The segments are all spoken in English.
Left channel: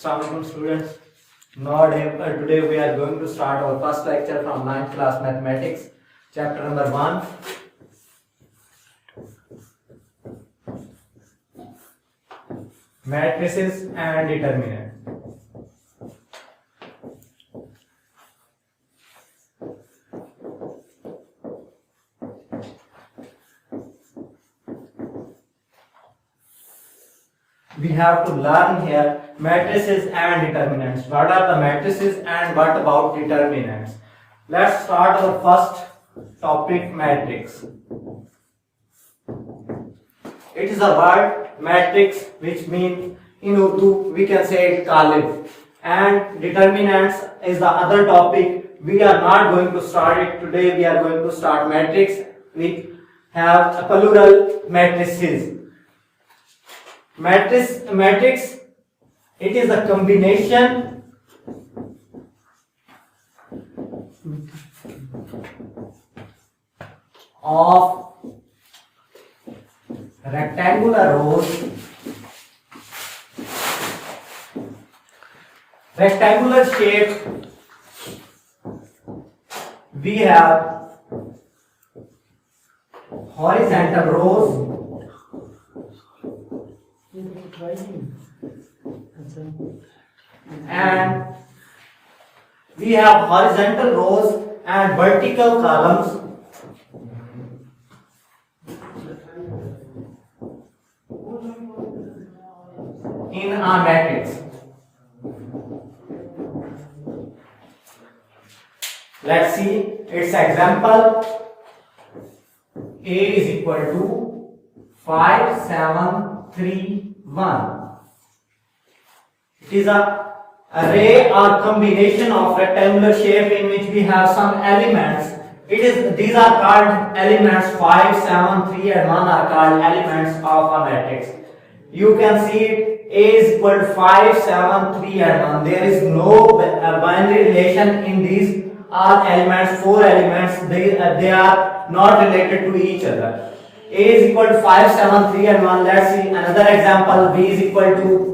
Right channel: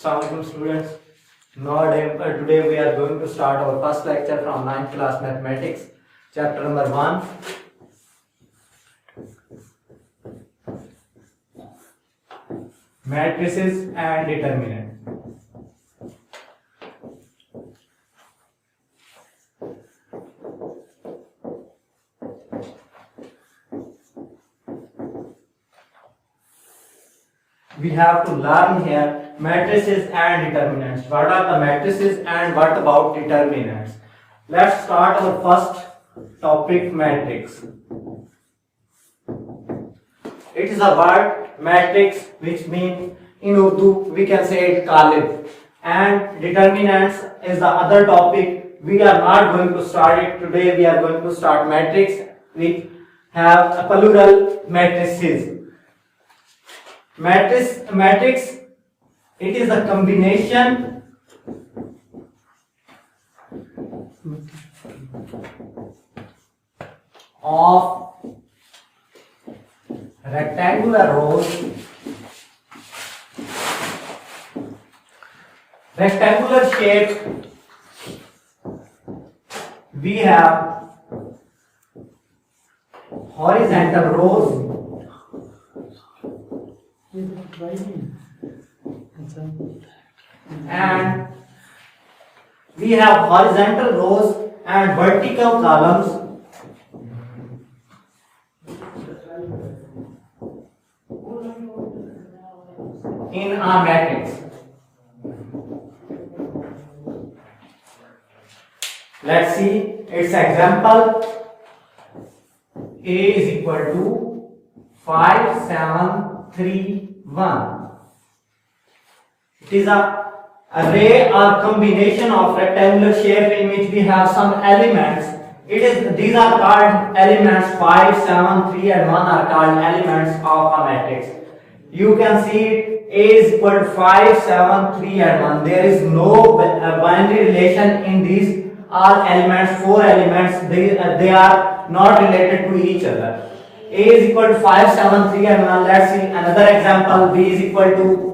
Assalamualaikum students. Today we are going to start our first lecture from 9th class mathematics, chapter number 1. Matrices and determinants. We have to learn here matrices and determinants. What are the matrices and what about determinants? Let's start our first topic, matrix. It is a word matrix which means in Urdu we can say it qalib, and determinants is the other topic. We are not going to start it today. We are going to start matrix. We have a plural matrices. Matrix, it is a combination of rectangular rows, rectangular shape. We have horizontal rows and we have horizontal rows and vertical columns. In a matrix. Let's see its example. A is equal to 5, 7, 3, 1. It is a array or combination of rectangular shape in which we have some elements. These are called elements. 5, 7, 3 and 1 are called elements of a matrix. You can see it. A is equal to 5, 7, 3 and 1. There is no binary relation in these all elements, 4 elements. They are not related to each other. A is equal to 5, 7, 3 and 1. Let's see another example. B is equal to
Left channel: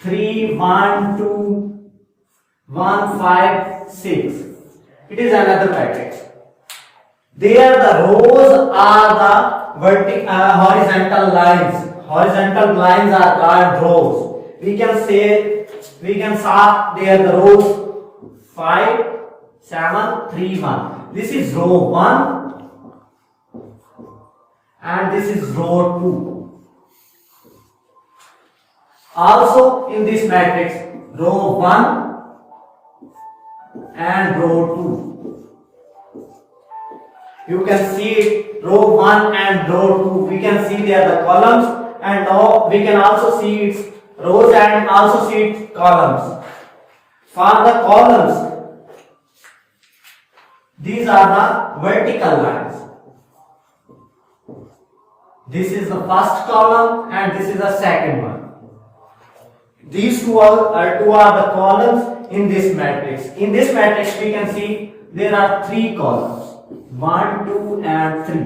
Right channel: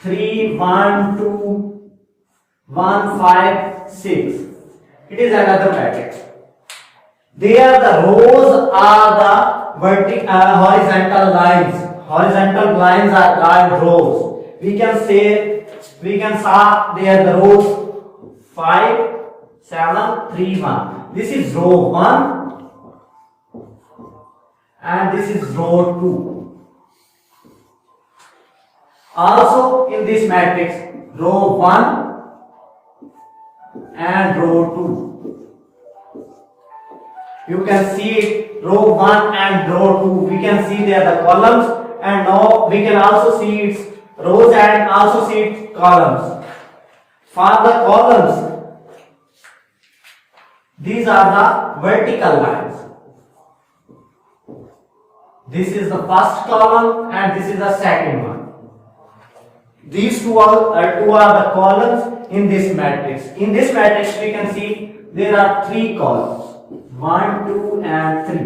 3, 1, 2, 1, 5, 6. It is another matrix. There the rows are the horizontal lines. Horizontal lines are called rows. We can saw there the rows 5, 7, 3, 1. This is row 1 and this is row 2. Also in this matrix, row 1 and row 2. You can see it, row 1 and row 2. We can see there the columns, and now we can also see its rows and also see its columns. For the columns, these are the vertical lines. This is the first column and this is the second one. These two are the columns in this matrix. In this matrix we can see there are 3 columns. 1, 2 and 3.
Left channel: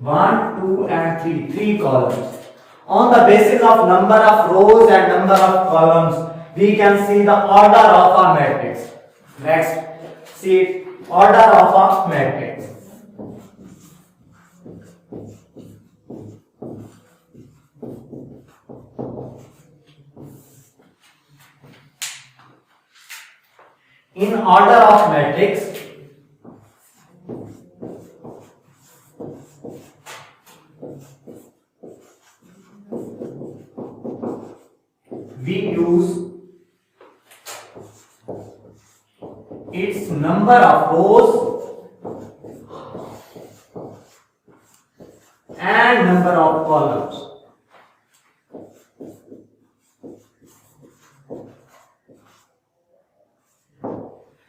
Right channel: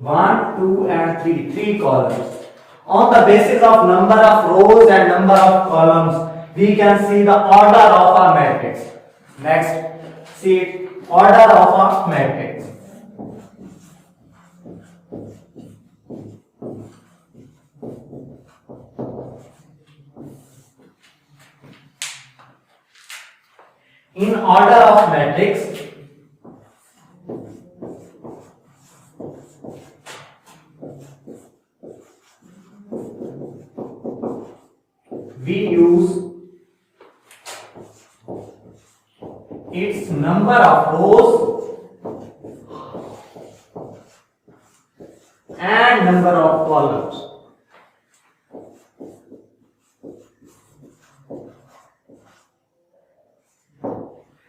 1, 2 and 3. 3 columns. On the basis of number of rows and number of columns, we can see the order of a matrix. Next, see order of a matrix. In order of matrix, we use its number of rows and number of columns.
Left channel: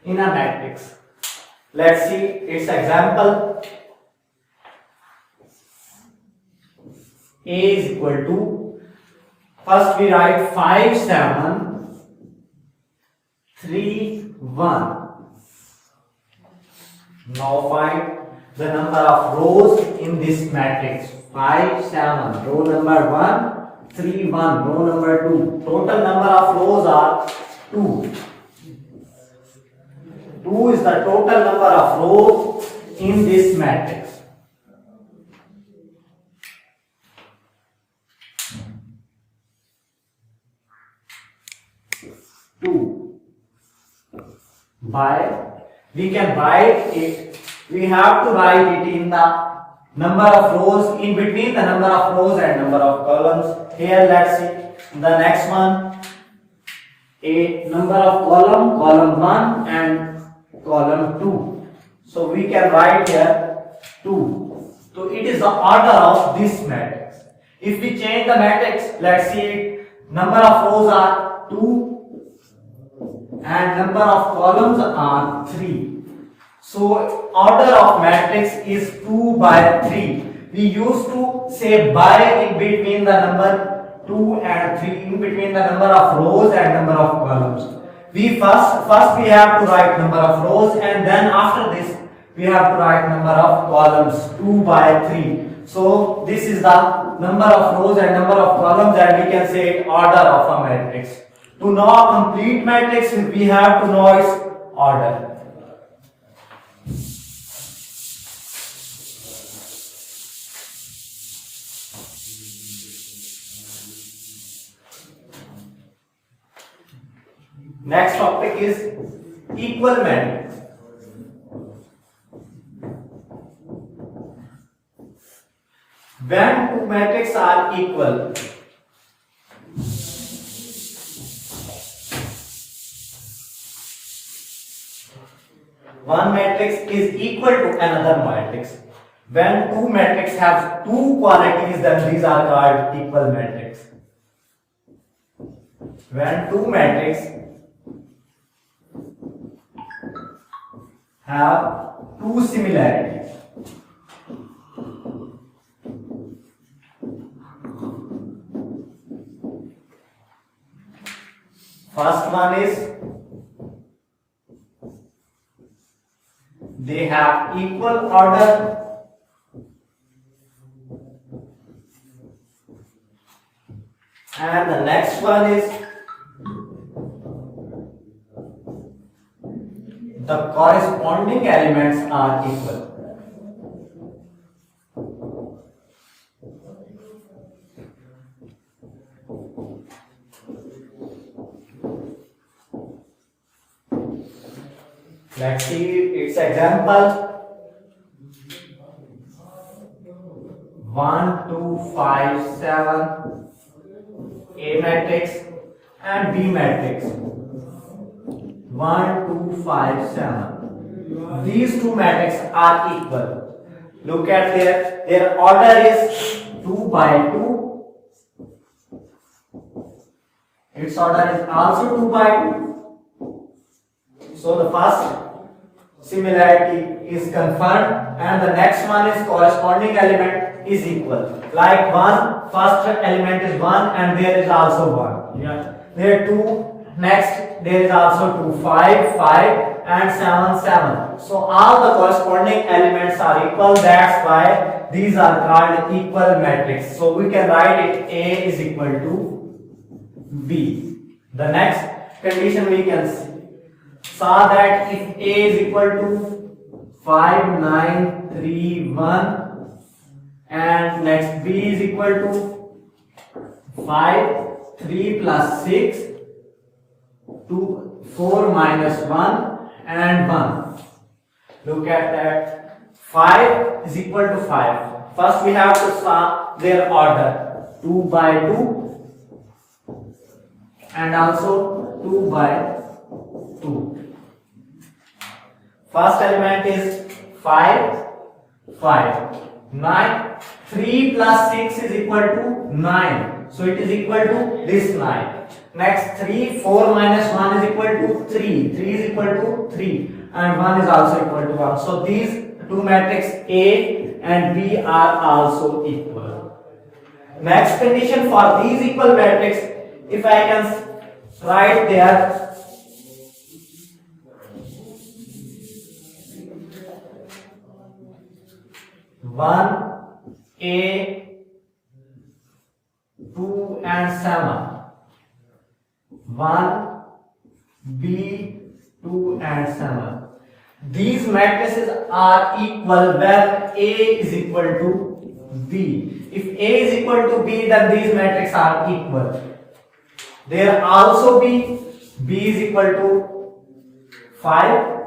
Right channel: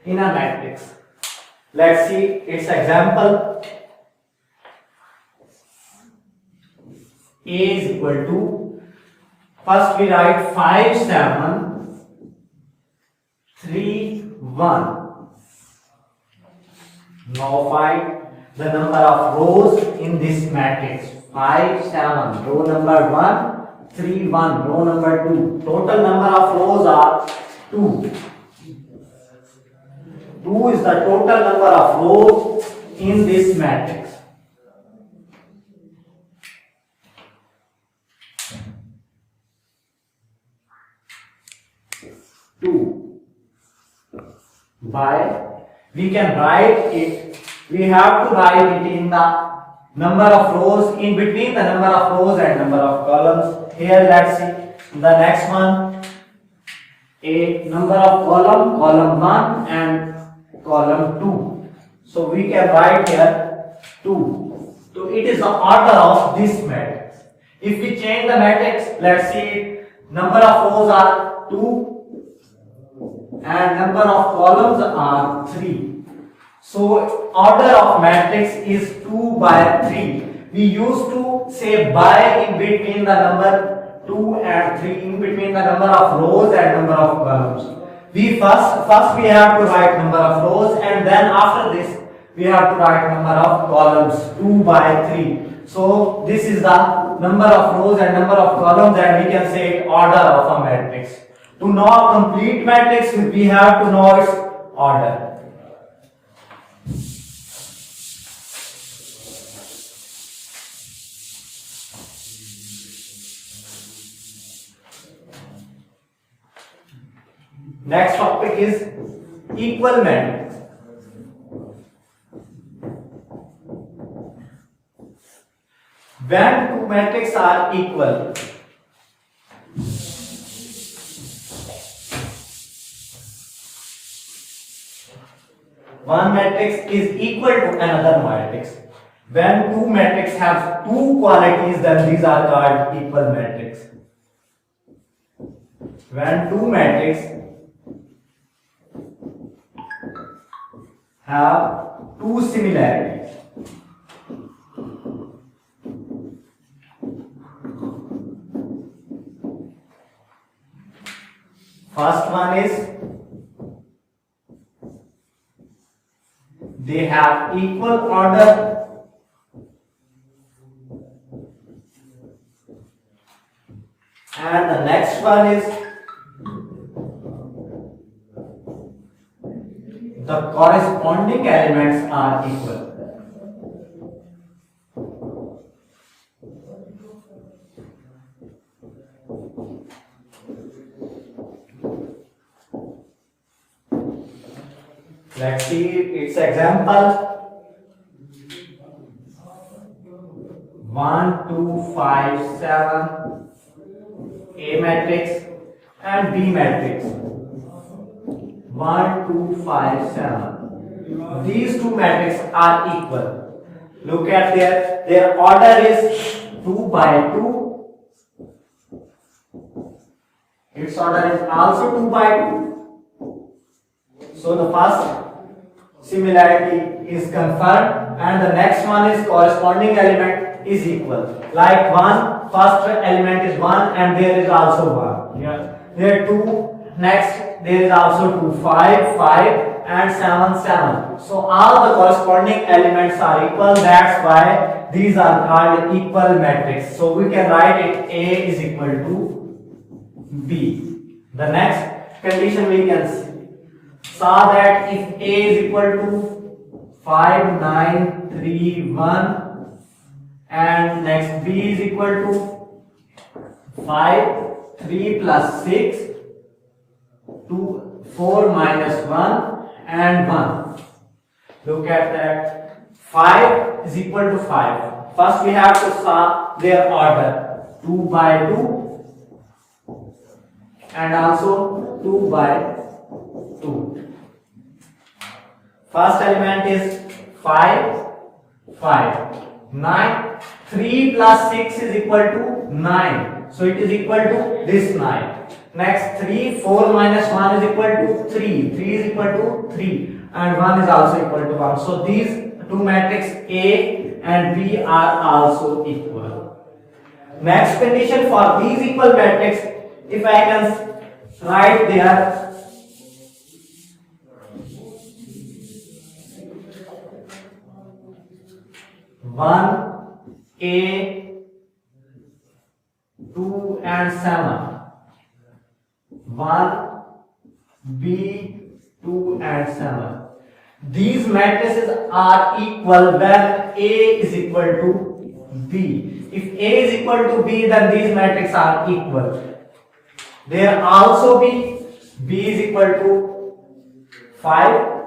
In a matrix. Let's see its example. A is equal to, first we write 5, 7, 3, 1. Now find the number of rows in this matrix. 5, 7. Row number 1, 3 1, row number 2. Total number of rows are 2. 2 is the total number of rows in this matrix. We can write it, we have to write it in the number of rows, in between the number of rows and number of columns. Here let's see the next one, a number of column 1 and column 2. So we can write here 2. So it is the order of this matrix. If we change the matrix, let's see, number of rows are 2 and number of columns are 3. So order of matrix is 2 by 3. We used to say by in between the number 2 and 3, in between the number of rows and number of columns. We first we have to write number of rows, and then after this we have to write number of columns, 2 by 3. So this is the number of rows and number of columns, and we can say it order of a matrix. To know a complete matrix, we have to know its order. Next topic is equal matrix. When two matrices are equal, one matrix is equal to another matrix. When two matrices have two qualities, then these are called equal matrix. When two matrices have two similarities, first one is they have equal order, and the next one is the corresponding elements are equal. Let's see its example. 1, 2, 5, 7, A matrix and B matrix. 1, 2, 5, 7. These two matrices are equal. Look at their order is 2 by 2. Its order is also 2 by 2. So the first similarity is confirmed, and the next one is corresponding element is equal. Like 1, first element is 1 and there is also 1. Yeah. There 2, next there is also 2, 5, 5 and 7, 7. So all the corresponding elements are equal. That's why these are called equal matrix. So we can write it A is equal to B. The next condition we can saw that if A is equal to 5, 9, 3, 1 and next B is equal to 5, 3 plus 6, 2, 4 minus 1 and 1. Look at that. 5 is equal to 5. First we have to saw their order. 2 by 2 and also 2 by 2. First element is 5, 5. 9, 3 plus 6 is equal to 9. So it is equal to this 9. Next 3, 4 minus 1 is equal to 3. 3 is equal to 3. And 1 is also equal to 1. So these two matrices A and B are also equal. Next condition for these equal matrices, if I can write there 1 A 2 and 7. 1, B, 2 and 7. These matrices are equal when A is equal to B. If A is equal to B, then these matrices are equal. There also B is equal to 5.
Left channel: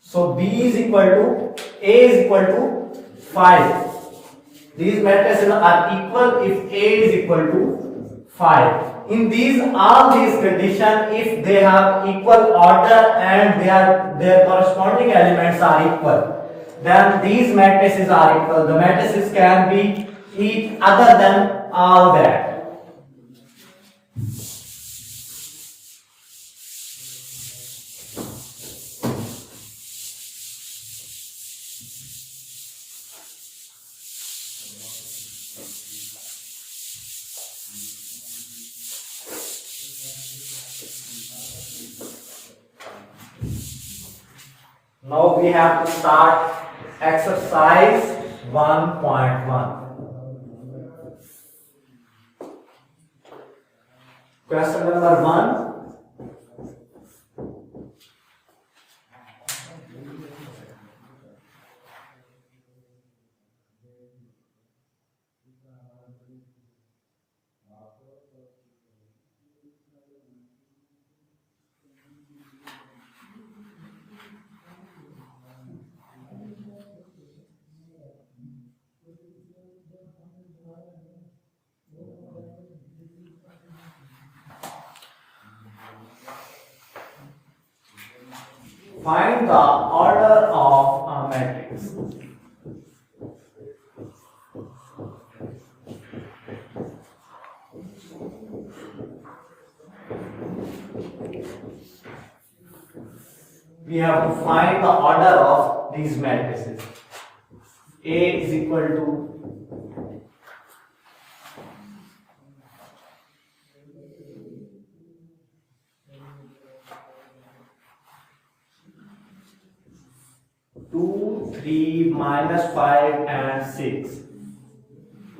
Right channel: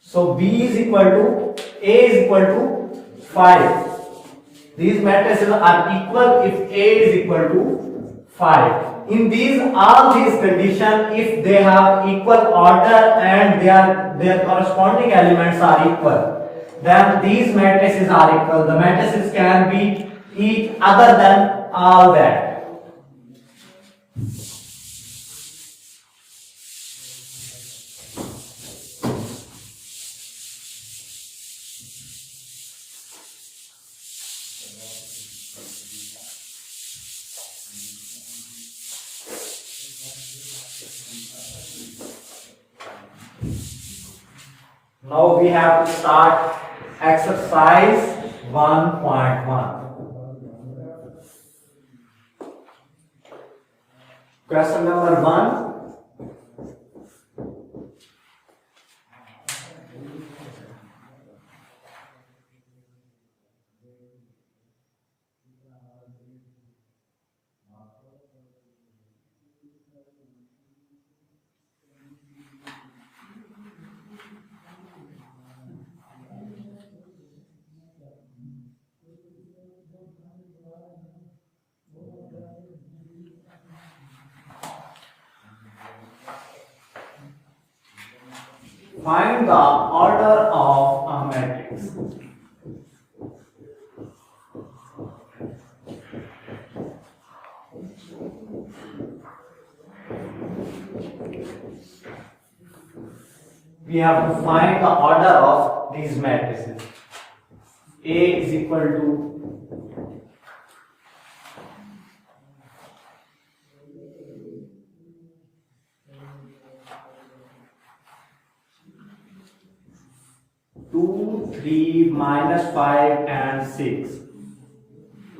So B is equal to A is equal to 5. These matrices are equal if A is equal to 5. In all these conditions, if they have equal order and their corresponding elements are equal, then these matrices are equal. The matrices can be each other than all that. Now we have to start exercise 1.1. Question number 1. Find the order of a matrix. We have to find the order of these matrices. A is equal to 2, 3, minus 5 and 6.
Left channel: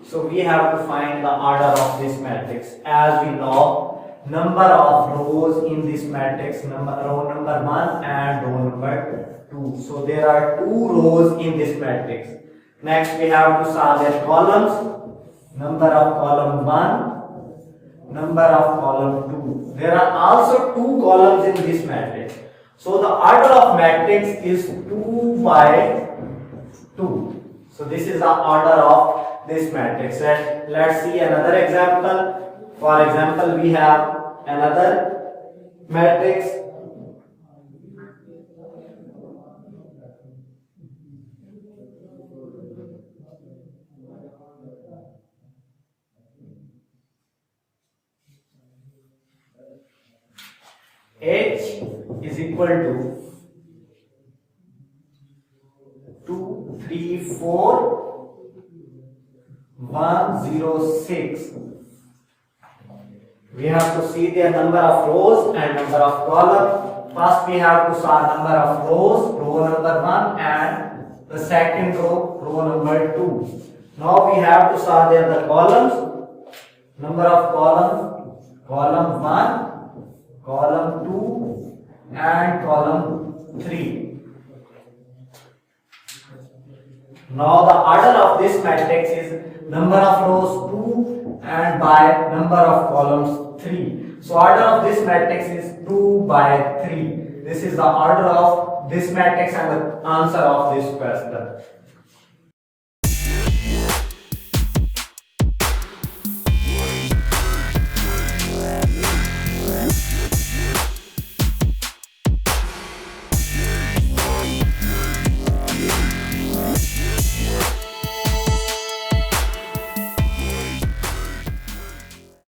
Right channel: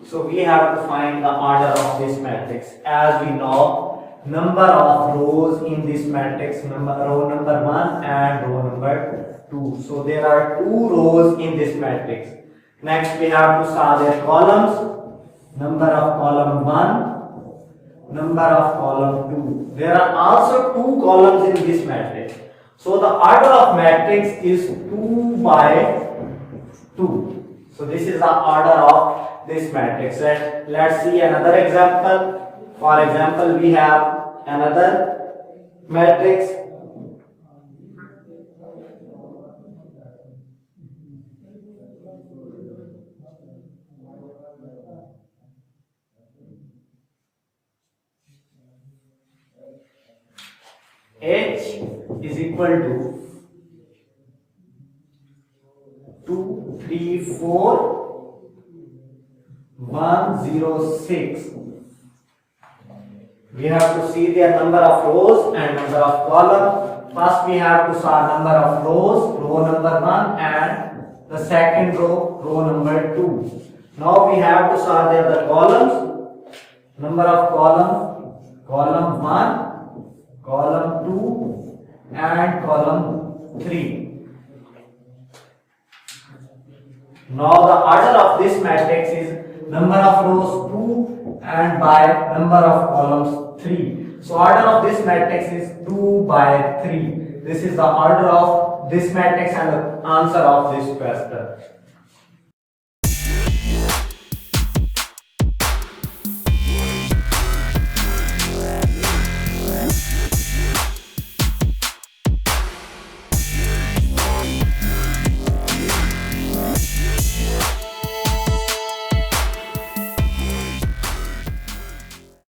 So we have to find the order of this matrix. As we know, number of rows in this matrix, row number 1 and row number 2. So there are 2 rows in this matrix. Next we have to solve their columns. Number of column 1, number of column 2. There are also 2 columns in this matrix. So the order of matrix is 2 by 2. So this is the order of this matrix. Let's see another example. For example, we have another matrix. H is equal to 2, 3, 4, 1, 0, 6. We have to see the number of rows and number of columns. First we have to solve number of rows, row number 1, and the second row number 2. Now we have to solve the columns. Number of column 1, column 2 and column 3. Now the order of this matrix is number of rows 2 and by number of columns 3. So order of this matrix is 2 by 3. This is the order of this matrix and the answer of this question.